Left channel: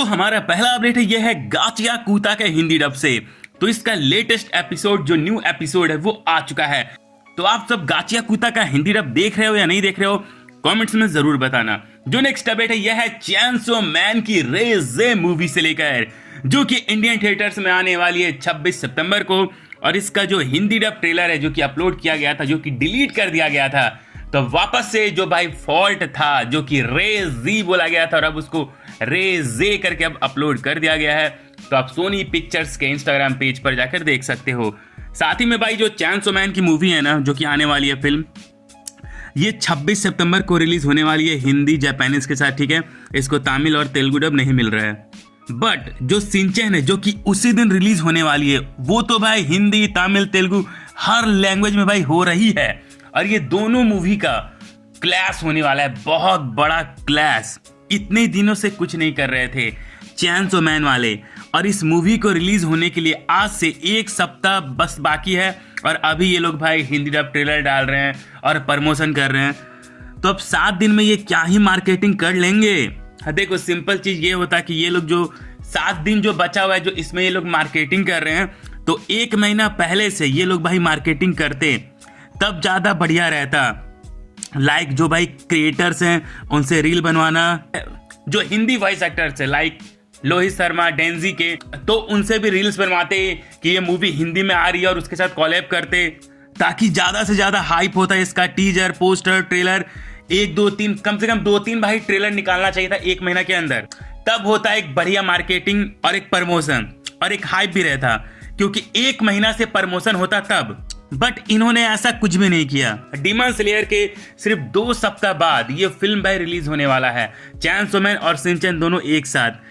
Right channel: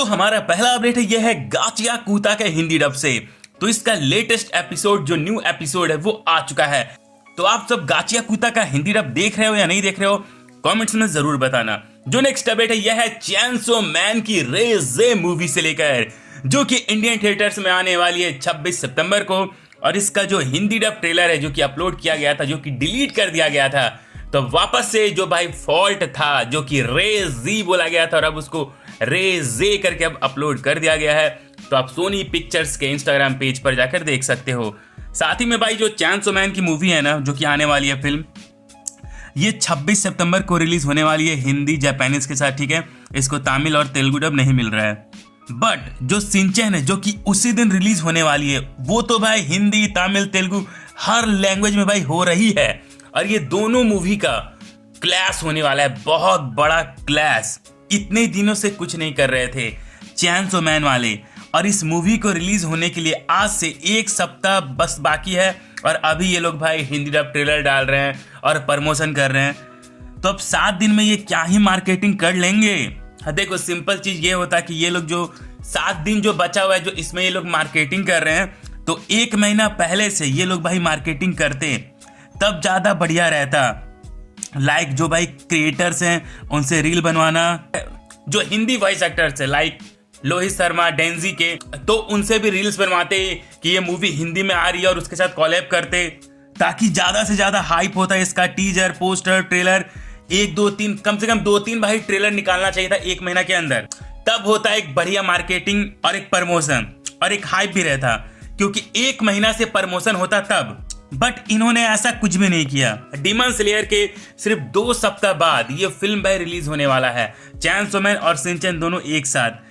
हमारा पहला अपडेट है, यह है गाचिया कूता के हिंदी डब से। तो इसका लेटेस्ट एपिसोड जो न्यू एपिसोड है वो आ चुका है। तो आप सब गाचिया कूता का हिंदी डब देख रहे हो या नहीं देख रहे हो, कमेंट्स में जरूर बताना। जो नेक्स्ट अपडेट है यह है चैनसो मैन की रे जे मूवी से लेकर, जो कि इंडियन थिएटर्स में आने वाली है 26 सितंबर को। और इसका जो हिंदी डब ट्रेलर है जो कि अपलोड किया गया था, जो कि डिलीट कर दिया गया था, तो वापस से जो भाई फॉल्ट था जो कि रे जी बोला गया था और अब उसको रे जे करके अब अपलोड कर दिया गया है। तो आप सोनी पिक्चर्स के इंस्टाग्राम पेज पर जाकर देख सकते हो। साथ ही में भाई जो चैनसो मैन की मूवी है ना, जो कि आने वाली है फिल्म, ये 26 सितंबर को रिलीज होने वाली है हिंदी जापानीज के साथ, ठीक है। इसको तमिल और तेलुगु डब नहीं मिल रहा है। बट जो शिनचैन है जो कि उसी दिन रिलीज होने वाली है, वो तो भाई हिंदी तमिल तेलुगु हर लैंग्वेज में भाई हो रही है। और ये दोनों मूवी का क्लैश होने वाला है, बहुत बड़ा क्लैश। इतने दिनों से कुछ नहीं कर रहे थे चैनसो मैन वाले, और इस मूवी को रिलीज होने के लिए आज से एक सप्ताह बस बाकी है। और अभी ये लोग भाई हिंदी डब ट्रेलर डाल रहे हैं और प्रमोशन कर रहे हैं। तो अब 7 दिन में ये क्या ही मार्केटिंग कर लेंगे। देखो सिंपल चीज ये होता कि ये लोग जो 7 दिन जो बचा हुआ है, जो इसमें ये लोग मार्केटिंग कर रहे हैं, तो 1 महीना पहले से ये लोग भाई मार्केटिंग करते तब ज्यादा बढ़िया रहता। लाइक जो भाई क्रिएटर्स हैं उनसे रील बनवाना, जो हिंदी वॉइस एक्टर्स है लाइक लोहित शर्मा डेंजी के, तो उनसे भी रील्स बनवाते कि ये मूवी हिंदी में आ रही है और उसके साथ कोलैब करते, ताकि ज्यादा से ज्यादा हाइप होता है इसका। टीजर पोस्टर ट्रेलर 1 2 3 कम से कम 2-3 भाई ट्रेलर निकालना चाहिए था 1 महीना के अंदर। तब होता है एक बढ़िया मार्केटिंग और एक प्रमोशन और एक हाइप भी रहता, क्योंकि 1 महीना से प्रमोशन होता तब। बट इन्होंने ऐसा कुछ भी नहीं किया। डीमन स्लेयर के सिर्फ 2 सप्ताह बाद ये फिल्म भाई रिलीज होने वाला है, चैनसो मैन और शिनचैन दोनों एक साथ।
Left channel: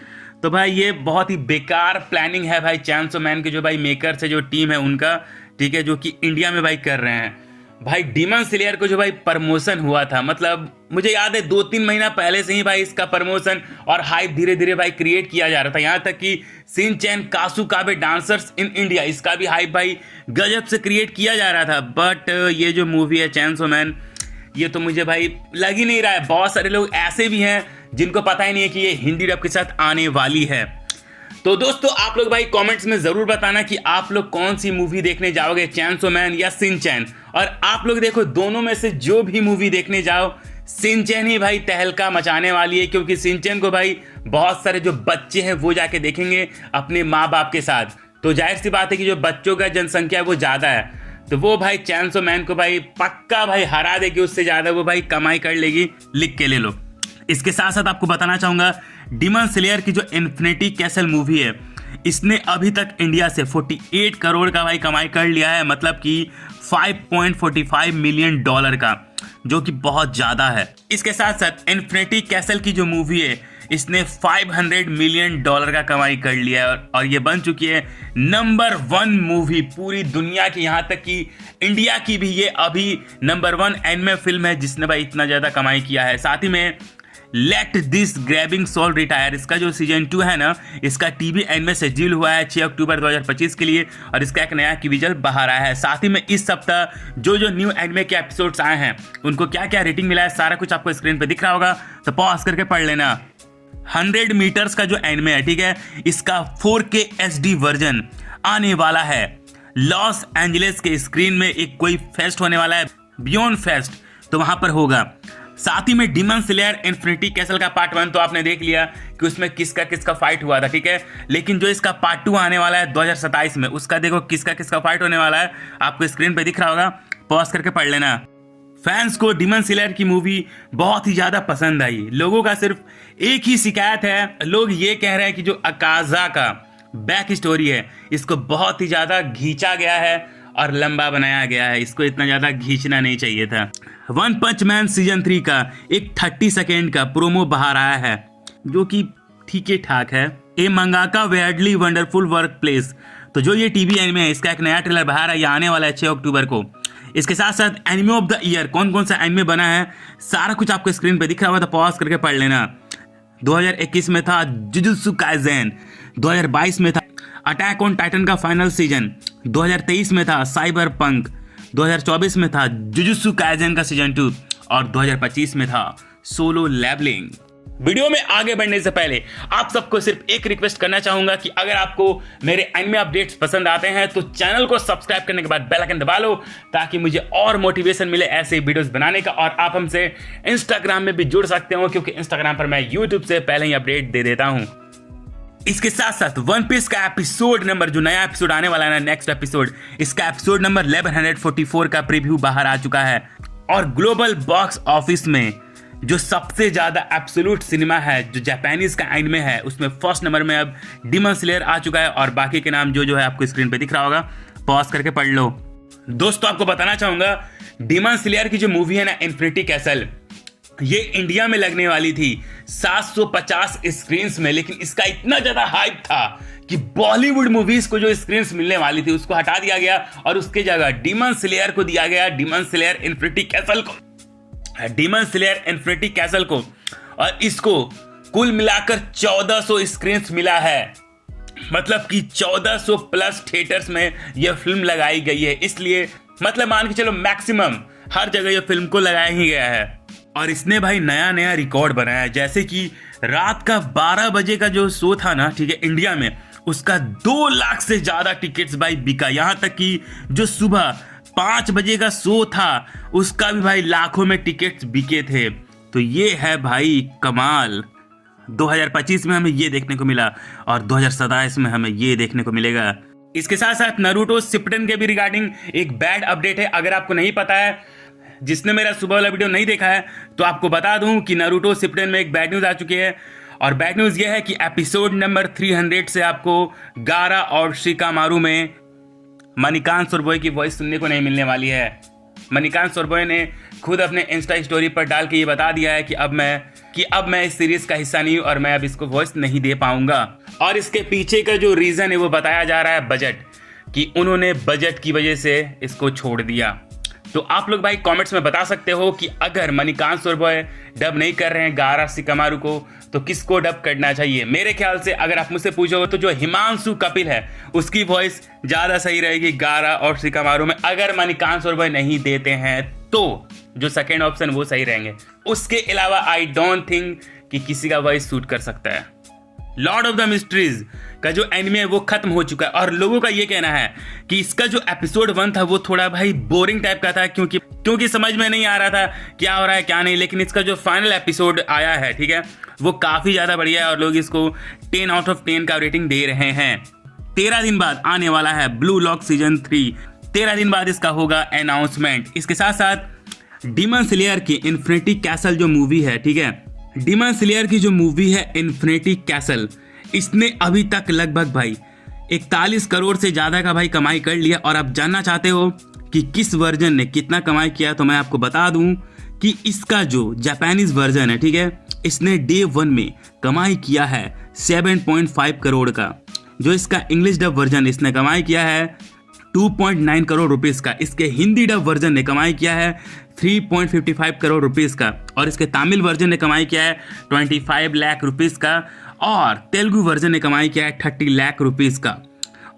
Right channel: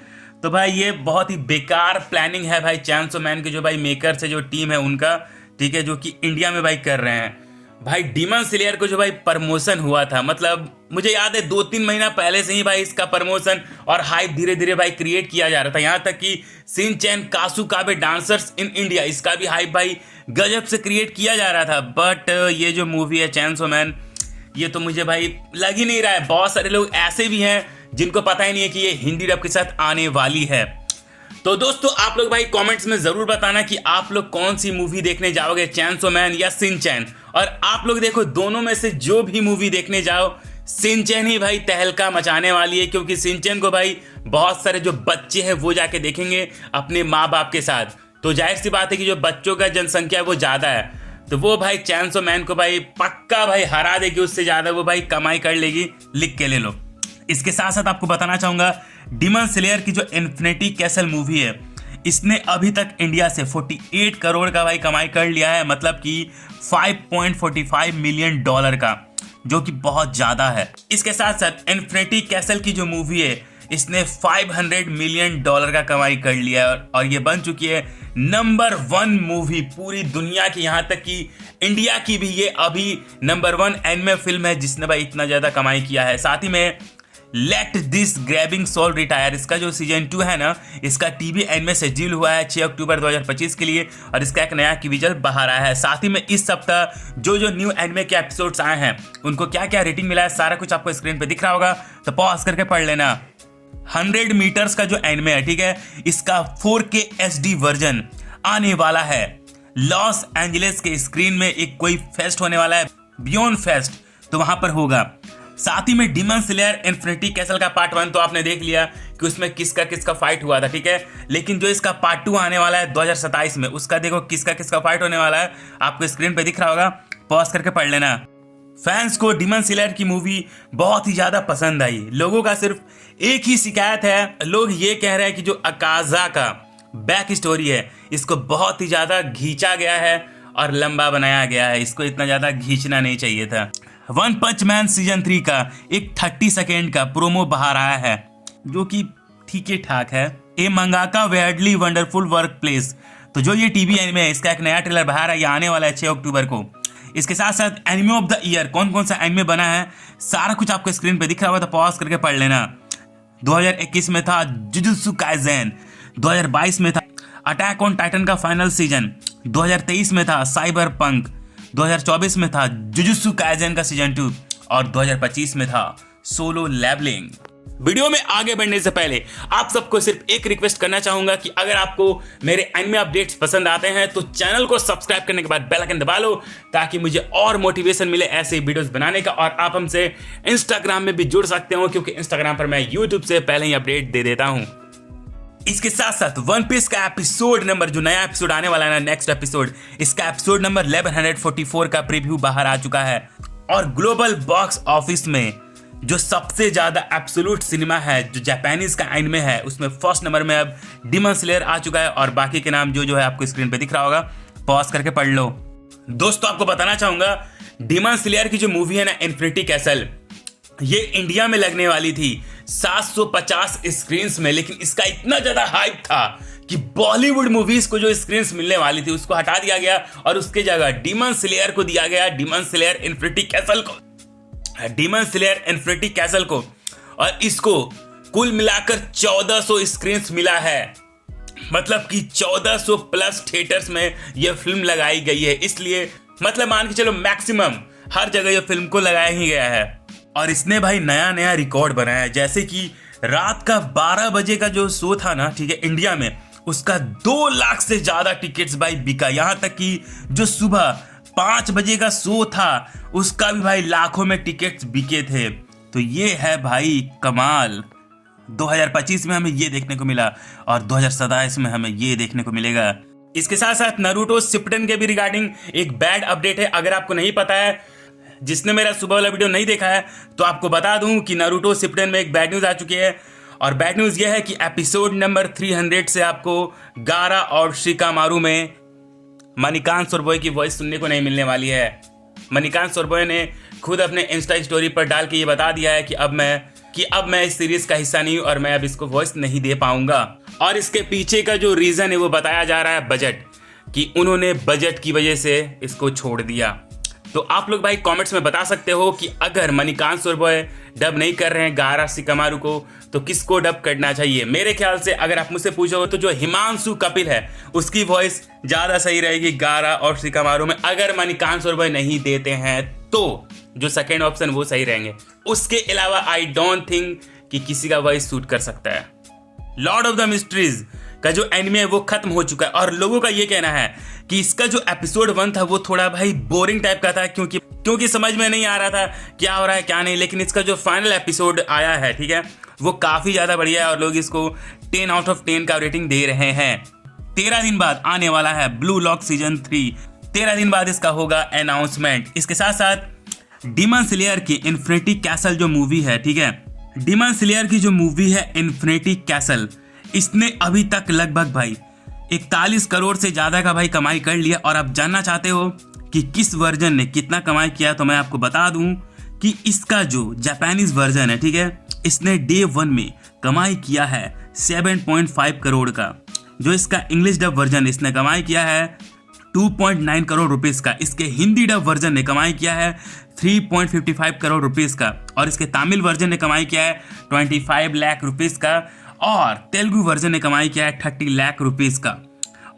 तो भाई ये बहुत ही बेकार प्लानिंग है भाई चैनसो मैन के जो भाई मेकर्स है, जो टीम है उनका, ठीक है, जो कि इंडिया में भाई कर रहे हैं। भाई डीमन स्लेयर को जो भाई प्रमोशन हुआ था, मतलब मुझे याद है 2-3 महीना पहले से ही भाई इसका प्रमोशन और हाइप धीरे धीरे भाई क्रिएट किया जा रहा था। यहाँ तक कि शिनचैन कासुकाबे डांसर्स इन इंडिया, इसका भी हाइप भाई गजब से क्रिएट किया जा रहा था। बट ये जो मूवी है चैनसो मैन, ये तो मुझे भाई लग ही नहीं रहा है। बहुत सारे लोग ऐसे भी हैं जिनको पता ही नहीं है कि ये हिंदी डब के साथ आने वाली है। तो दोस्तों आप लोग भाई कमेंट्स में जरूर बताना कि आप लोग कौन सी मूवी देखने जाओगे, चैनसो मैन या शिनचैन। और आप लोग देखो दोनों में से जो भी मूवी देखने जाओ, शिनचैन ही भाई तहलका मचाने वाली है, क्योंकि शिनचैन को भाई बहुत सारे जो बच्चे हैं वो जाके देखेंगे अपने माँ बाप के साथ। तो जाहिर सी बात है कि जो बच्चों का जनसंख्या है वो ज्यादा है, तो वो भाई चैनसो मैन को भाई पक्का भाई हरा देगी, उससे ज्यादा वो भाई कमाई कर लेगी। लिख के ले लो। इसके साथ साथ आपको बताना चाहूंगा, डीमन स्लेयर की जो इन्फिनिटी कैसल मूवी है, इसने अभी तक इंडिया से 48 करोड़ का भाई कमाई कर लिया है, मतलब कि $5.45 मिलियन का, जो कि बहुत ज्यादा है। इसके साथ साथ इन्फिनिटी कैसल की जो मूवी है, इसने $500 मिलियन का कमाई कर लिया है और ये बन चुकी है नंबर 1 मूवी पूरी दुनिया की। यहाँ तक कि इंडिया की भी ये अभी नंबर 1 एनिमे फिल्म है जिसने भाई इतना ज्यादा कमाई किया है। साथ ही में let this grabbing soul retire, इसका जो सीजन 2 है ना, इसका टीवी एनिमे शेड्यूल हुआ है 6 अक्टूबर 2025 के लिए, और इसका एक नया विजुअल बाहर आया है। साथ ही में इस सप्ताह जो न्यू एनिमे के एपिसोड्स आए हैं उनको क्या क्या रेटिंग मिला है, सारा कुछ आपको स्क्रीन पे दिख रहा होगा, तो पॉज करके पढ़ लेना। 100 मीटर्स का जो एनिमे है, ठीक है, इसका 4K HD वर्जन आने वाला है। लॉस एंजलिस के स्क्रीन में एक कोई फेस्ट होने वाला है, बियॉन्ड फेस्ट, तो वहां पर होगा। साथ ही में डीमन स्लेयर इन्फिनिटी कैसल का पार्ट 1 तो आपने देख लिया कि उसमें किसका किसका फाइट हुआ था, ठीक है। लेकिन जो इसका पार्ट 2 आने वाला है 2027 में, उसका देखो किसका किसका फाइट होने वाला है, आपको स्क्रीन पे दिख रहा होगा, पॉज करके पढ़ लेना। फैंस को डीमन स्लेयर की मूवी बहुत ही ज्यादा पसंद आई। लोगों का सिर्फ एक ही शिकायत है, लोग ये कह रहे हैं कि जो अकाजा का बैक स्टोरी है, इसको बहुत ही ज्यादा खींचा गया है और लंबा बनाया गया है, इसको इतना ज्यादा खींचना नहीं चाहिए था। वन पंच मैन सीजन 3 का एक 30 सेकेंड का प्रोमो बाहर आया है, जो कि ठीक ही ठाक है। ए मंगाका वेयर्डली वंडरफुल वर्क प्लेस, तो जो ये टीवी एनिमे है, इसका एक नया ट्रेलर बाहर है, ये आने वाला है 6 अक्टूबर को। इसके साथ साथ एनिमे ऑफ द ईयर, कौन कौन सा एनिमे बना है, सारा कुछ आपको स्क्रीन पे दिख रहा होगा, तो पॉज करके पढ़ लेना। 2021 में था जुजुत्सु काइसेन, 2022 में था अटैक ऑन टाइटन का फाइनल सीजन, 2023 में था साइबर पंक, 2024 में था जुजुत्सु काइसेन का सीजन 2 और 2025 में था सोलो लेवलिंग। वीडियो में आगे बढ़ने से पहले आप सबको सिर्फ एक रिक्वेस्ट करना चाहूंगा कि अगर आपको मेरे एनिमे अपडेट्स पसंद आते हैं तो चैनल को सब्सक्राइब करने के बाद बेल आइकन दबा लो, ताकि मुझे और मोटिवेशन मिले ऐसे वीडियोस बनाने का। और आप हमसे इंस्टाग्राम में भी जुड़ सकते हो, क्योंकि इंस्टाग्राम पर मैं यूट्यूब से पहले ही अपडेट दे देता हूं। इसके साथ साथ वन पीस का एपिसोड नंबर, जो नया एपिसोड आने वाला है ना, नेक्स्ट एपिसोड, इसका एपिसोड नंबर 1144 का प्रीव्यू बाहर आ चुका है। और ग्लोबल बॉक्स ऑफिस में जो सबसे ज्यादा एब्सोल्यूट सिनेमा है, जो जापानीज का एनिमे है, उसमें फर्स्ट नंबर में अब डीमन स्लेयर आ चुका है। और बाकी के नाम जो है आपको स्क्रीन पे दिख रहा होगा, पॉज करके पढ़ लो। दोस्तों आपको बताना चाहूंगा, डीमन स्लेयर की जो मूवी है ना, इन्फिनिटी कैसल, ये इंडिया में लगने वाली थी 750 स्क्रीन्स में, लेकिन इसका इतना ज्यादा हाइप था कि बॉलीवुड मूवीज को जो स्क्रीन्स मिलने वाली थी उसको हटा दिया गया और उसके जगह डीमन स्लेयर को दिया गया, डीमन स्लेयर इन्फिनिटी कैसल को, डीमन स्लेयर इन्फिनिटी कैसल को। और इसको कुल मिलाकर 1400 स्क्रीन्स मिला है, मतलब कि 1400 प्लस थिएटर्स में यह फिल्म लगाई गई है। इसलिए मतलब मान के चलो मैक्सिमम हर जगह यह फिल्म को लगाया ही गया है। और इसने भाई नया नया रिकॉर्ड बनाया है, जैसे कि रात का 12 बजे का जो शो था ना, ठीक है, इंडिया में, उसका 2 लाख से ज्यादा टिकट्स भाई बिका। यहां तक कि जो सुबह 5 बजे का शो था उसका भी भाई लाखों में टिकट्स बिके थे। तो ये है भाई कमाल। 2025 में हमें ये देखने को मिला और 2027 में हमें ये देखने को मिलेगा। इसके साथ साथ नारुतो शिप्पुडेन के भी रिगार्डिंग एक बैड अपडेट है। अगर आपको नहीं पता है, जिसने मेरा सुबह वाला वीडियो नहीं देखा है, तो आपको बता दूं कि नारुतो शिप्पुडेन में एक बैड न्यूज आ चुकी है। और बैड न्यूज ये है कि एपिसोड नंबर 300 से आपको गारा और शिकामारू में मणिकांत सोरबोय की वॉइस सुनने को नहीं मिलने वाली है। मणिकांत सोरबोय ने खुद अपने इंस्टा स्टोरी पर डाल के ये बता दिया है कि अब मैं इस सीरीज का हिस्सा नहीं हूं और मैं अब इसको वॉइस नहीं दे पाऊंगा। और इसके पीछे का जो रीजन है वो बताया जा रहा है बजट, कि उन्होंने बजट की वजह से इसको छोड़ दिया। तो आप लोग भाई कमेंट्स में बता सकते हो कि अगर मणिकांत सोरबोय डब नहीं कर रहे हैं गारा शिकामारू को, तो किसको डब करना चाहिए? मेरे ख्याल से अगर आप मुझसे पूछोगे तो जो हिमांशु कपिल है उसकी वॉइस ज्यादा सही रहेगी गारा और शिकामारू में। अगर मणिकांत सोरबोय नहीं देते हैं तो जो सेकेंड ऑप्शन वो सही रहेंगे। उसके अलावा आई डोंट थिंक कि किसी का वॉइस सूट कर सकता है। लॉर्ड ऑफ द मिस्ट्रीज का जो एनिमे है वो खत्म हो चुका है और लोगों का ये कहना है कि इसका जो एपिसोड 1 था वो थोड़ा भाई बोरिंग टाइप का था, क्योंकि समझ में नहीं आ रहा था क्या हो रहा है क्या नहीं। लेकिन इसका जो फाइनल एपिसोड आया है, ठीक है, वो काफी ज्यादा बढ़िया है और लोग इसको 10 आउट ऑफ 10 का रेटिंग दे रहे हैं। 13 दिन बाद आने वाला है ब्लू लॉक सीजन 3। 13 दिन बाद इसका होगा अनाउंसमेंट। इसके साथ साथ डीमन स्लेयर की इन्फिनिटी कैसल जो मूवी है, ठीक है, डीमन स्लेयर की जो मूवी है इन्फिनिटी कैसल, इसने अभी तक लगभग भाई 41 करोड़ से ज्यादा का भाई कमाई कर लिया। और आप जानना चाहते हो कि किस वर्जन ने कितना कमाई किया, तो मैं आपको बता दूं कि इसका जो जापानीज वर्जन है, ठीक है, इसने डे 1 में कमाई किया है 7.5 करोड़ का। जो इसका इंग्लिश डब वर्जन इसने कमाई किया है 2.9 करोड़ रुपीस का। इसके हिंदी डब वर्जन ने कमाई किया है 3.55 करोड़ रुपीस का। और इसके तमिल वर्जन ने कमाई किया है 25 लाख रुपीस का। और तेलुगु वर्जन ने कमाई किया है 30 लाख रुपीस का।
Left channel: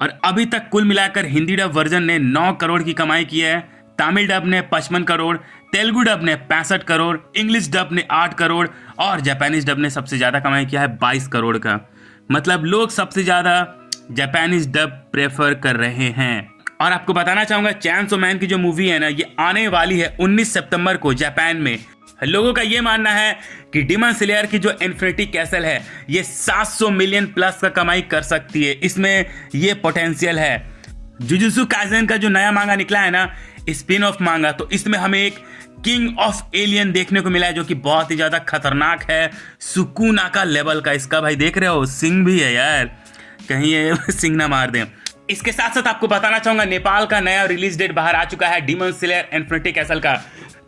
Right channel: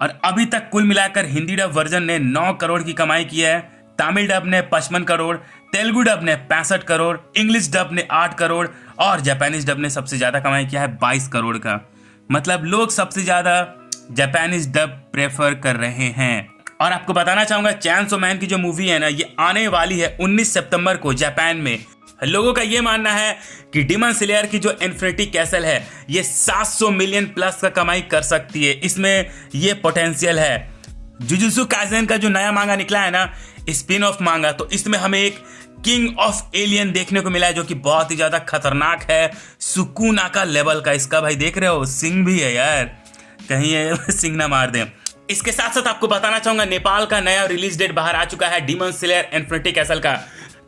और अभी तक कुल मिलाकर हिंदी डब वर्जन ने 9 करोड़ की कमाई की है, तमिल डब ने 55 करोड़, तेलुगु डब ने 65 करोड़, इंग्लिश डब ने 8 करोड़ और जापानीज डब ने सबसे ज्यादा कमाई किया है 22 करोड़ का। मतलब लोग सबसे ज्यादा जापानीज डब प्रेफर कर रहे हैं। और आपको बताना चाहूंगा, चैनसो मैन की जो मूवी है ना, ये आने वाली है 19 सितंबर को जापान में। लोगों का ये मानना है कि डीमन स्लेयर की जो इन्फिनिटी कैसल है ये 700 मिलियन प्लस का कमाई कर सकती है, इसमें ये पोटेंशियल है। जुजुत्सु काइसेन का जो नया मांगा निकला है ना, स्पिन ऑफ मांगा, तो इसमें हमें एक किंग ऑफ एलियन देखने को मिला है जो कि बहुत ही ज्यादा खतरनाक है, सुकुनाका लेवल का। इसका भाई देख रहे हो सिंह भी है यार, कहीं ये सिंह ना मार दें। इसके साथ साथ आपको बताना चाहूंगा, नेपाल का नया रिलीज डेट बाहर आ चुका है डीमन स्लेयर इन्फिनिटी कैसल का।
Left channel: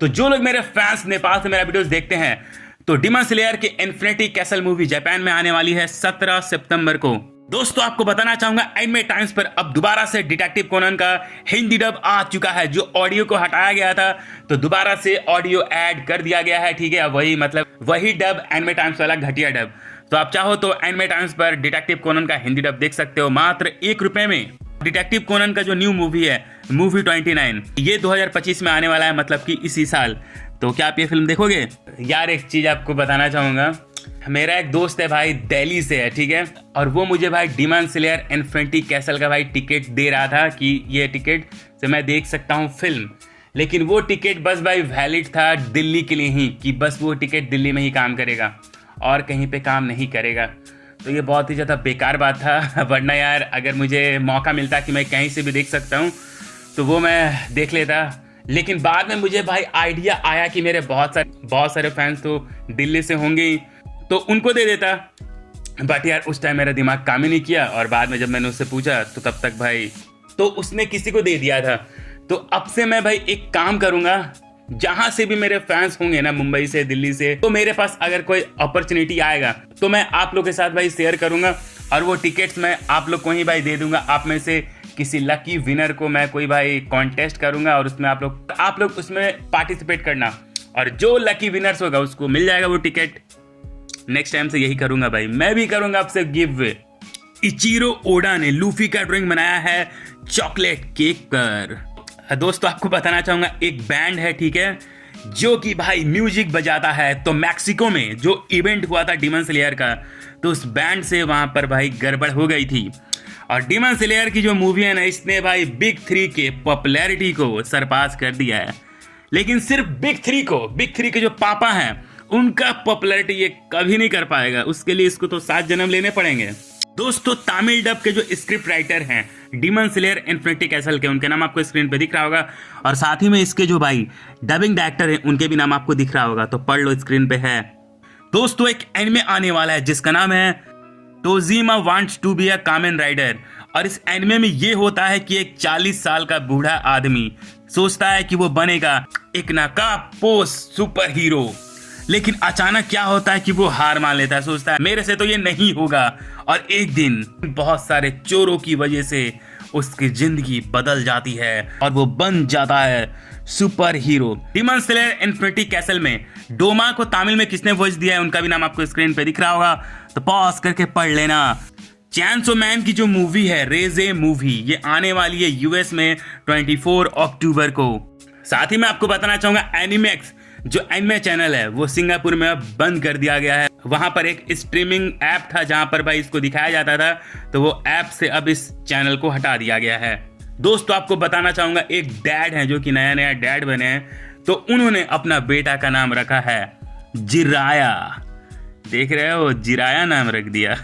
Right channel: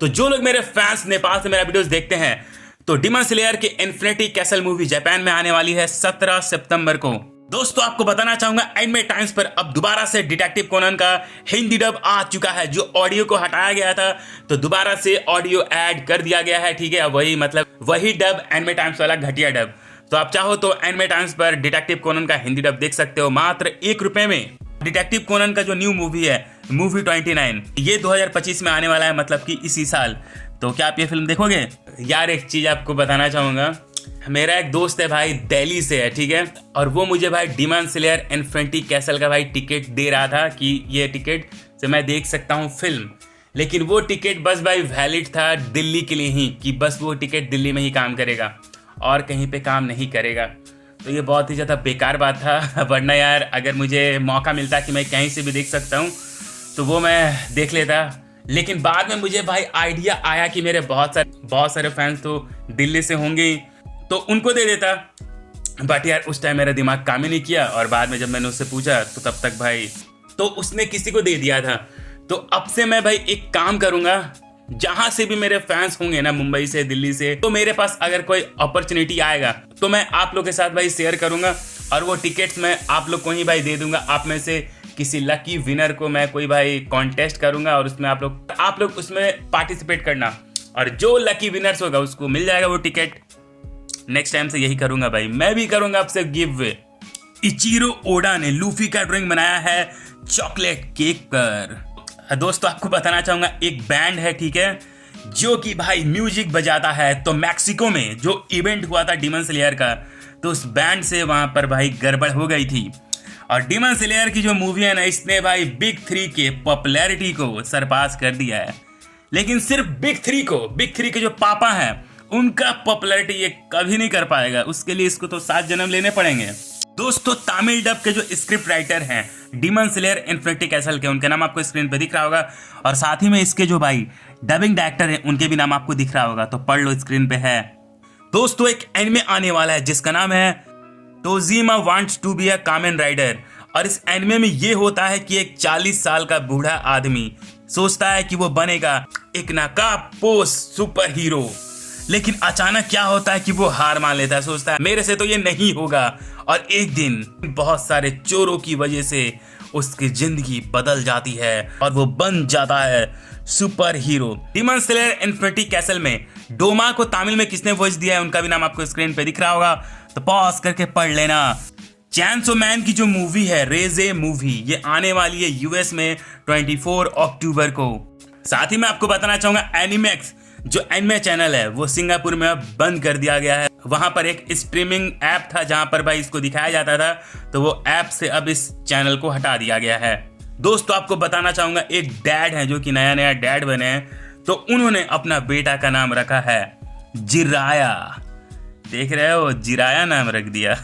तो जो लोग मेरे फैंस नेपाल से मेरा वीडियोस देखते हैं, तो डीमन स्लेयर की इन्फिनिटी कैसल मूवी जापान में आने वाली है 17 सितंबर को। दोस्तों आपको बताना चाहूंगा, एनिमे टाइम्स पर अब दोबारा से डिटेक्टिव कोनन का हिंदी डब आ चुका है। जो ऑडियो को हटाया गया था तो दोबारा से ऑडियो ऐड कर दिया गया है, ठीक है। वही डब, एनिमे टाइम्स वाला घटिया डब। तो आप चाहो तो एनिमे टाइम्स पर डिटेक्टिव कोनन का हिंदी डब देख सकते हो मात्र 1 रुपए में। डिटेक्टिव कोनन का जो न्यू मूवी है, मूवी 29, ये 2025 में आने वाला है, मतलब कि इसी साल। तो क्या आप ये फिल्म देखोगे? यार एक चीज आपको बताना चाहूंगा, मेरा एक दोस्त है भाई, दिल्ली से है, ठीक है, और वो मुझे भाई डीमन स्लेयर इन्फिनिटी कैसल का भाई टिकट दे रहा था कि ये टिकट से मैं देख सकता हूँ फिल्म। लेकिन वो टिकट बस भाई वैलिड था दिल्ली के लिए ही, कि बस वो टिकट दिल्ली में ही काम करेगा और कहीं पे काम नहीं करेगा। तो ये बहुत ही ज़्यादा बेकार बात था, वरना यार अगर मुझे मौका मिलता कि मैं कहीं से भी देख सकता हूँ तो वो मैं देख लेता। लेकिन बाद में मुझे भाई आइडिया आया कि मेरे बहुत सारे फैंस तो दिल्ली से होंगे ही, तो उनको दे देता। बट यार उस टाइम मेरा दिमाग काम ही नहीं किया, और बाद में जब मैंने उससे पूछा तो तब तक भाई तो उसने किसी को दे दिया था। तो अब से मैं भाई एक काम करूँगा, जहाँ से भी मेरे फैंस होंगे ना, मुंबई से, दिल्ली से, तो मेरे पास अगर कोई अपॉर्चुनिटी आएगा तो मैं आप लोग के साथ भाई शेयर करूँगा, और वो टिकट्स मैं आप लोग को ही भाई दे दूंगा। आप में से किसी लकी विनर को मैं कोई भाई कॉन्टेस्ट करूंगा, और उसमें आप लोग उसमें पार्टिसिपेट करना, और जो लकी विनर्स होगा उसको मिल जाएगा वो टिकट। नेक्स्ट टाइम से यही करूंगा भाई, मैं भी करूंगा आपसे गिव वे। इचिरो ओडा ने लूफी का ड्राइंग बनाया है चॉकलेट केक पर। दोस्तों आपको बताना चाहूंगा, एक बैंड है, ठीक है, जो कि भाई म्यूजिक बजाता है। तो मैक्सिको में जो इवेंट हुआ था डीमन स्लेयर का, तो उस बैंड से वहां पर भाई गड़बड़ हो गई थी, और डीमन स्लेयर की जो मूवी है ना, इसने भाई बिग 3 के पॉपुलैरिटी को सरपास कर दिया है। लेकिन सिर्फ बिग 3 के जो पापा हैं उनका पॉपुलैरिटी ये कभी नहीं कर पाएगा। उसके लिए इसको तो 7 जन्म लेने पड़ेंगे। दोस्तों तमिल डब के जो स्क्रिप्ट राइटर हैं डीमन स्लेयर इन्फिनिटी कैसल के, उनके नाम आपको स्क्रीन पे दिख रहा होगा, और साथ ही में इसके जो भाई डबिंग डायरेक्टर हैं उनके भी नाम आपको दिख रहा होगा, तो पढ़ लो, स्क्रीन पे है। दोस्तों एक एनिमे आने वाला है जिसका नाम है Tojima wants to be a Kamen Rider, और इस एनिमे में ये होता है कि एक 40 साल का बूढ़ा आदमी सोचता है कि वो बनेगा एक नाकापोस सुपर हीरो। लेकिन अचानक क्या होता है कि वो हार मान लेता है, सोचता है मेरे से तो ये नहीं होगा, और एक दिन बहुत सारे चोरों की वजह से उसकी जिंदगी बदल जाती है और वो बन जाता है super hero. Demon slayer infinity castle में डोमा को तमिल में किसने वॉइस दिया है उनका भी नाम आपको स्क्रीन पे दिख रहा होगा, तो पॉज करके पढ़ लेना। चैनसो मैन की जो मूवी है रेजे मूवी, ये आने वाली है यूएस में 24 अक्टूबर को। साथ ही मैं आपको बताना चाहूंगा एनिमेक्स जो एनिमे चैनल है वो सिंगापुर में अब बंद कर दिया गया है। वहां पर एक स्ट्रीमिंग ऐप था जहां पर भाई इसको दिखाया जाता था, तो वो ऐप से अब इस चैनल को हटा दिया गया है। दोस्तों आपको बताना चाहूंगा, एक डैड है जो कि नया डैड बने हैं, तो उन्होंने अपना बेटा का नाम रखा है जिराया। देख रहे हो, जिराया नाम रख दिया।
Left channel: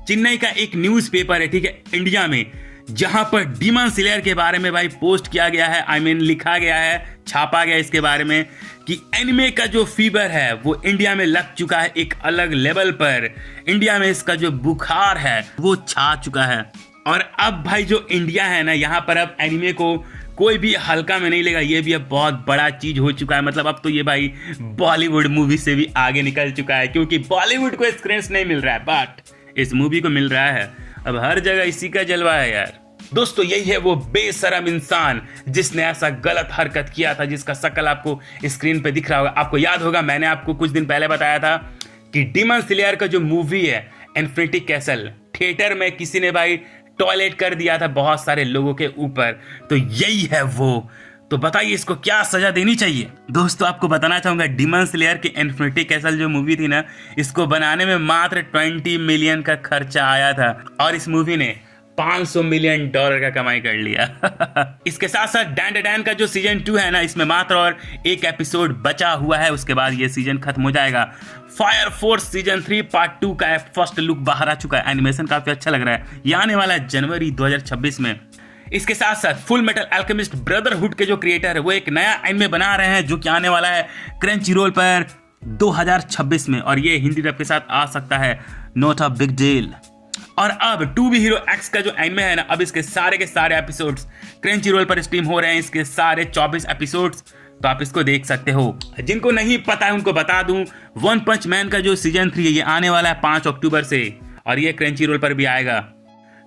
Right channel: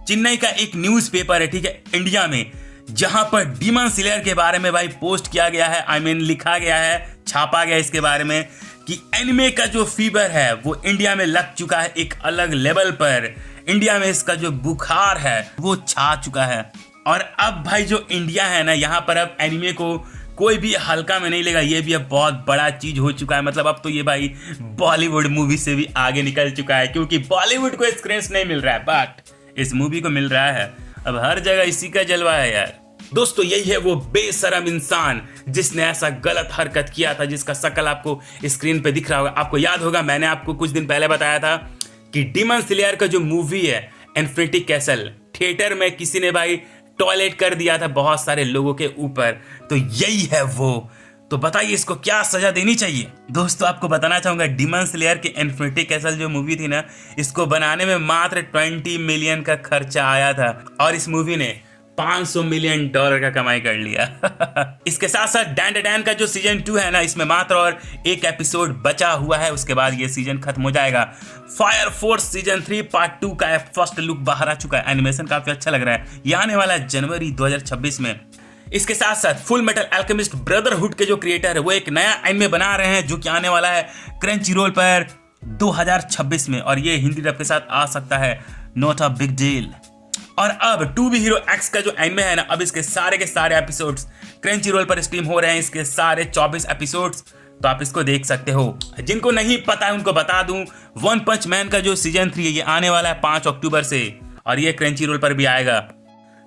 चेन्नई का एक न्यूज़पेपर है, ठीक है, इंडिया में, जहां पर डीमन स्लेयर के बारे में भाई पोस्ट किया गया है, लिखा गया है, छापा गया इसके बारे में कि एनिमे का जो फीवर है वो इंडिया में लग चुका है एक अलग लेवल पर। इंडिया में इसका जो बुखार है वो छा चुका है, और अब भाई जो इंडिया है ना, यहाँ पर अब एनिमे को कोई भी हल्का में नहीं लेगा। ये भी अब बहुत बड़ा चीज हो चुका है, मतलब अब तो ये भाई बॉलीवुड मूवी से भी आगे निकल चुका है, क्योंकि बॉलीवुड को स्क्रीन नहीं मिल रहा है बट इस मूवी को मिल रहा है। अब हर जगह इसी का जलवा है यार। दोस्तों यही है वो बेशरम इंसान जिसने ऐसा गलत हरकत किया था, जिसका शक्ल आपको स्क्रीन पे दिख रहा होगा। आपको याद होगा मैंने आपको कुछ दिन पहले बताया था कि डीमन स्लेयर का जो मूवी है इन्फिनिटी कैसल, थिएटर में किसी ने भाई टॉयलेट कर दिया था बहुत सारे लोगों के ऊपर, तो यही है वो। तो बताइए इसको क्या सजा देनी चाहिए। दोस्तों आपको बताना चाहूंगा, डीमन स्लेयर की इन्फिनिटी कैसल जो मूवी थी ना, इसको बनाने में मात्र 20 मिलियन का खर्चा आया था, और इस मूवी ने $500 मिलियन का कमाई कर लिया। इसके साथ साथ डैन डैन का जो सीजन 2 है ना, इसमें मात्र और एक एपिसोड बचा हुआ है, उसके बाद ये सीजन खत्म हो जाएगा। फायर फोर्स सीजन 3 पार्ट 2 का फर्स्ट लुक बाहर आ चुका है, एनिमेशन काफी अच्छा लग रहा है। ये आने वाला है जनवरी 2026 में। इसके साथ साथ फुल मेटल अल्केमिस्ट ब्रदरहुड के जो क्रिएटर है वो एक नया एनिमे बना रहे हैं, जो कि आने वाला है क्रंचीरोल पर 2026 में, और ये हिंदी डब के साथ आ सकता है, नॉट अ बिग डील। और अब टू बी हीरो एक्स का जो एनिमे है ना, अब इसके सारे के सारे एपिसोड्स क्रंचीरोल पर स्ट्रीम हो रहे हैं, इसके सारे 24 एपिसोड्स, तो आप इसको देख सकते हो। जिनको नहीं पता है उनको बता दूं, वन पंच मैन का जो सीजन 3 है ये आने वाला है 5 अक्टूबर से, और ये क्रंचीरोल पर भी आएगा।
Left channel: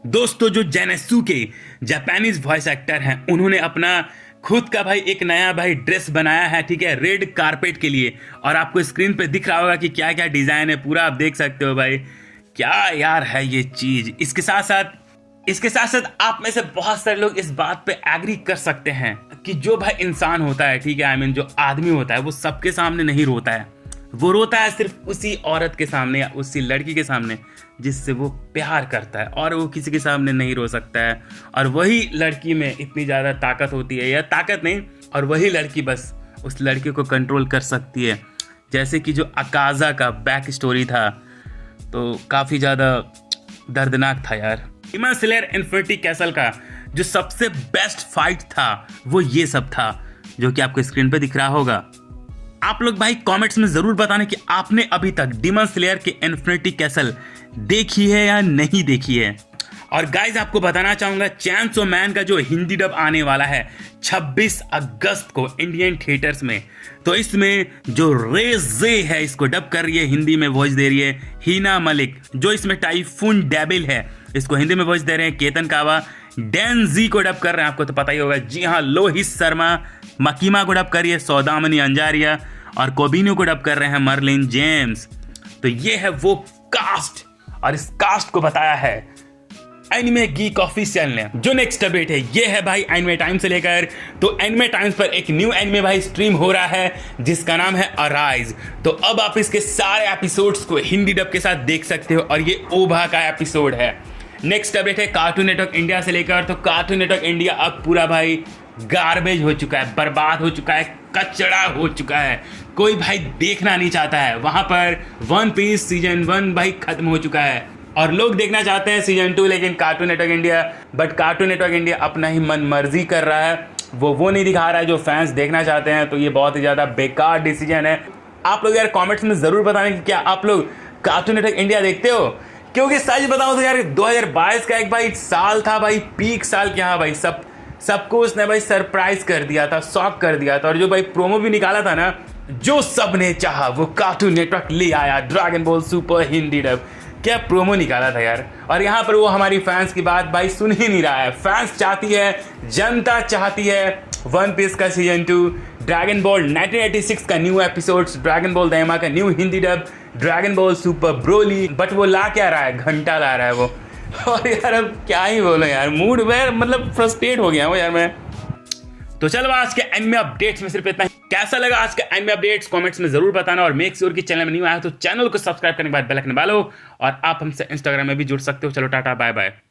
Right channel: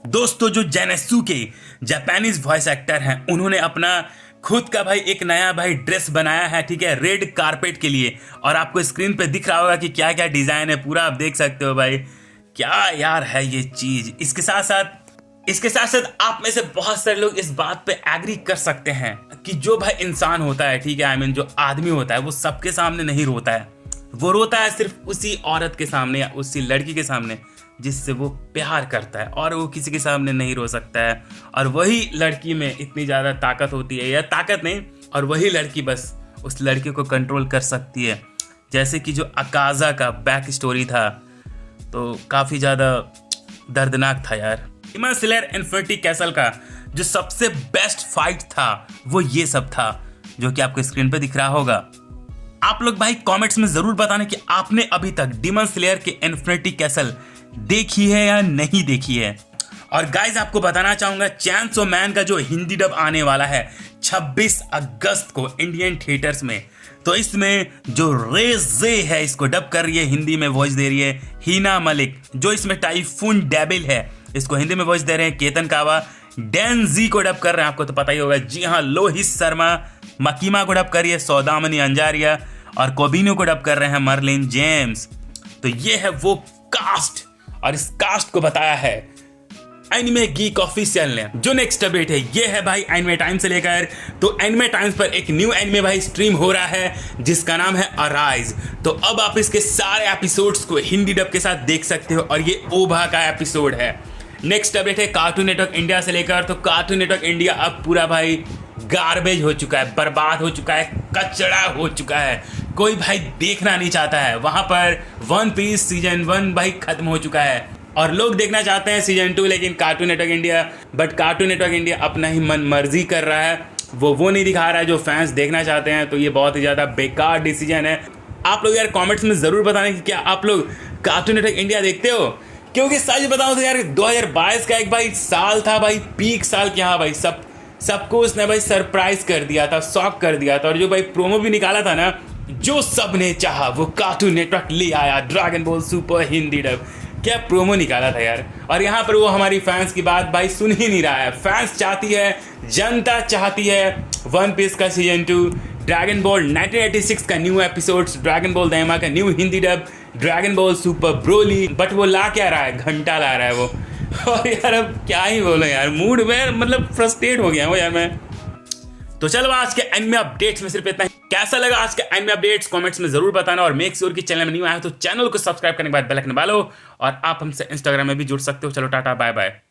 दोस्तों जो जेनेसु के जापानीज वॉइस एक्टर हैं, उन्होंने अपना खुद का भाई एक नया भाई ड्रेस बनाया है, ठीक है, रेड कारपेट के लिए, और आपको स्क्रीन पे दिख रहा होगा कि क्या क्या डिजाइन है, पूरा आप देख सकते हो भाई। क्या यार है ये चीज। इसके साथ साथ आप में से बहुत सारे लोग इस बात पे एग्री कर सकते हैं कि जो भाई इंसान होता है, ठीक है, जो आदमी होता है वो सबके सामने नहीं रोता है। वो रोता है सिर्फ उसी औरत के सामने या उसी लड़की के सामने जिससे वो प्यार करता है, और वो किसी के सामने नहीं रो सकता है। और वही लड़की में इतनी ज़्यादा ताकत होती है, या ताकत नहीं, और वही लड़की बस उस लड़के को कंट्रोल कर सकती है। जैसे कि जो अकाज़ा का बैक स्टोरी था तो काफ़ी ज़्यादा दर्दनाक था यार। डीमन स्लेयर इन्फिनिटी कैसल का जो सबसे बेस्ट फाइट था वो ये सब था, जो कि आपको स्क्रीन पे दिख रहा होगा। आप लोग भाई कमेंट्स में ज़रूर बताना कि आपने अभी तक डीमन स्लेयर के इन्फिनिटी कैसल देखी है या नहीं देखी है। और गाइज आपको बताना चाहूँगा चैनसो मैन का जो हिंदी डब आने वाला है 26 अगस्त को इंडियन थिएटर्स में, तो इसमें जो रेजे है इसको डब कर रही है, हिंदी में वॉइस दे रही है हीना मलिक। जो इसमें टाइफून डेबिल है इसको हिंदी में वॉइस दे रहे हैं केतन कावा। डेनजी को डब कर रहे हैं, आपको तो पता ही होगा, जी हाँ, लोहित शर्मा। मकीमा को डब कर रही है सौदामनी अंजारिया, और कोबिनो को डब कर रहे हैं मर्लिन जेम्स। तो ये है वो कास्ट, और इस कास्ट को बताया है एनिमे गीक ऑफिशियल ने। जो नेक्स्ट अपडेट है ये है भाई एनिमे टाइम से लेकर, तो एनिमे टाइम्स पर एक न्यू एनिमे भाई स्ट्रीम हो रहा है जिसका नाम है अराइज। तो अब आप इसके सारे एपिसोड्स को हिंदी डब के साथ देख सकते हो, और ये ओभा का एपिसोड है। नेक्स्ट अपडेट है कार्टून नेटवर्क इंडिया से लेकर, तो कार्टून नेटवर्क इंडिया अब पूरा भाई गार्बेज हो चुका है, बर्बाद हो चुका है, कचड़ा हो चुका है, कोई भाई देखना नहीं चाहता है। वहाँ पर वन पीस सीजन 1 भाई खत्म हो चुका है, और लोग देखना चाहते हैं सीजन 2, लेकिन cartoon network India cartoon network India अपना ही मन मर्जी कर रहा है, वो नहीं दिखा रहा है जो फैंस देखना चाहते हैं। तो ये बहुत ही ज़्यादा बेकार डिसीजन है। आप लोग यार कमेंट्स में ज़रूर बताना कि क्या आप लोग कार्टून नेटवर्क इंडिया देखते हो, क्योंकि सच बताओ तो यार 2022 का एक भाई साल था भाई, पीक साल के। हाँ भाई सबको उसने भाई सरप्राइज कर दिया था, शॉक कर दिया था, और जो भाई प्रोमो भी निकाला था ना, जो सबने चाहा वो कार्टून नेटवर्क ले आया। Dragon ball super Hindi dub, क्या प्रोमो निकाला था यार। और यहाँ पर वो हमारी फैंस की बात भाई सुन ही नहीं रहा है। फैंस चाहती है, जनता चाहती है वन पीस का सीजन 2, ड्रैगन बॉल 1986 का न्यू एपिसोड्स, ड्रैगन बॉल दाइमा का new Hindi dub, dragon ball super Broly. But वो ला क्या रहा है, घंटा ला रहा है वो। और यार अब क्या ही बोलो यार, मूड में मतलब फ्रस्ट्रेट हो गया हूँ यार मैं। तो चलो आज के एनिमे अपडेट्स में सिर्फ इतना ही। कैसा लगा आज के एनिमे अपडेट्स कमेंट्स में जरूर बताना, और मेक श्योर कि चैनल में न्यू आया तो चैनल को सब्सक्राइब करने के बाद बेल आइकन दबा लो, और आप हमसे इंस्टाग्राम में भी जुड़ सकते हो। चलो टाटा बाय बाय।